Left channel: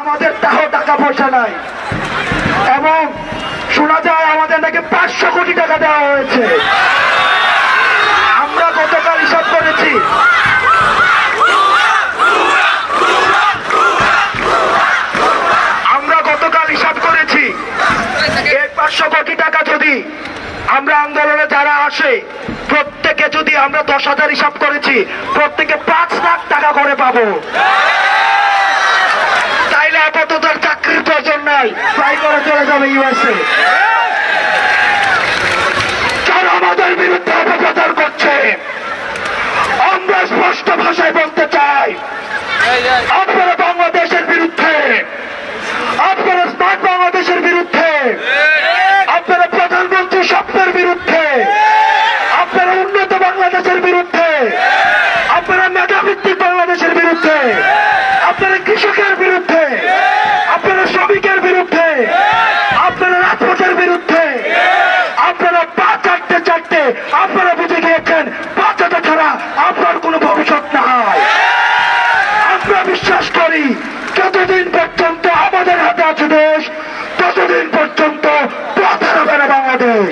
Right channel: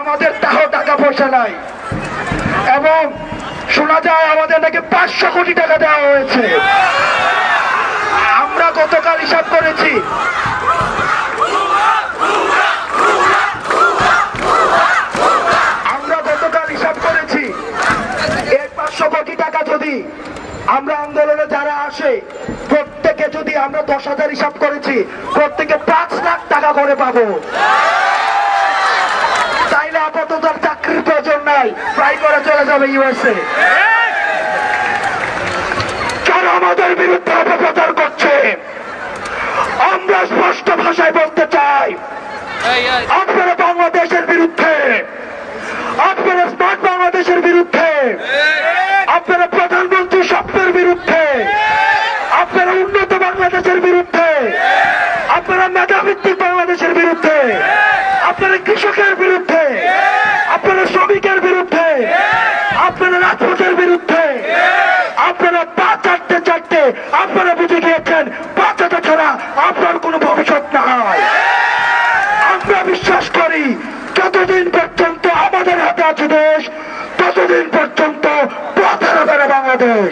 আমাদের তাও টাকা পয়সা নাই এবং শোনা যায় আমাদের নাকি 500 কোটি টাকা দেওয়া হয়েছে। আমরা গতকাল হিসাব করেছি এই 500 কোটি টাকা যদি আমরা আন্দোলনে যারা আসে প্রত্যেকে যদি আমরা 10,000 হিসাব করেছি প্রত্যেকে 5 লাখ টাকা করে পাবো। তাইলে আপাতত আর চাকরির প্রয়োজন নাই, ফ্লাই করে চলে যাবে ইউএসএ। যারা আমাদের বিরুদ্ধে অপপ্রচার করছে আমরা স্পষ্ট ভাষায় বলতে চাই, আপনারা বাংলাদেশের বিরুদ্ধে, আপনারা স্মার্ট বাংলাদেশের বিরুদ্ধে, আপনারা প্রধানমন্ত্রী স্বপ্নের বিরুদ্ধে, আপনারা উন্নত বাংলাদেশের বিরুদ্ধে, আপনারা মেধাভিত্তিক বাংলাদেশের বিরুদ্ধে, আপনারা কৃষকের বিরুদ্ধে, আপনারা শ্রমিকের বিরুদ্ধে, আপনারা রাজপথের বিরুদ্ধে, আপনারা পা চাটতে চাটতে আপনারা বুঝে গিয়েছেন পা চাটা ছাড়া আপনার কোনো ভবিষ্যৎ নাই। আমরা বিশ্বাস করি যতদিন পর্যন্ত আমাদের হাতে আছে দেশ ততদিন পর্যন্ত পথ হারাবে না বাংলাদেশ।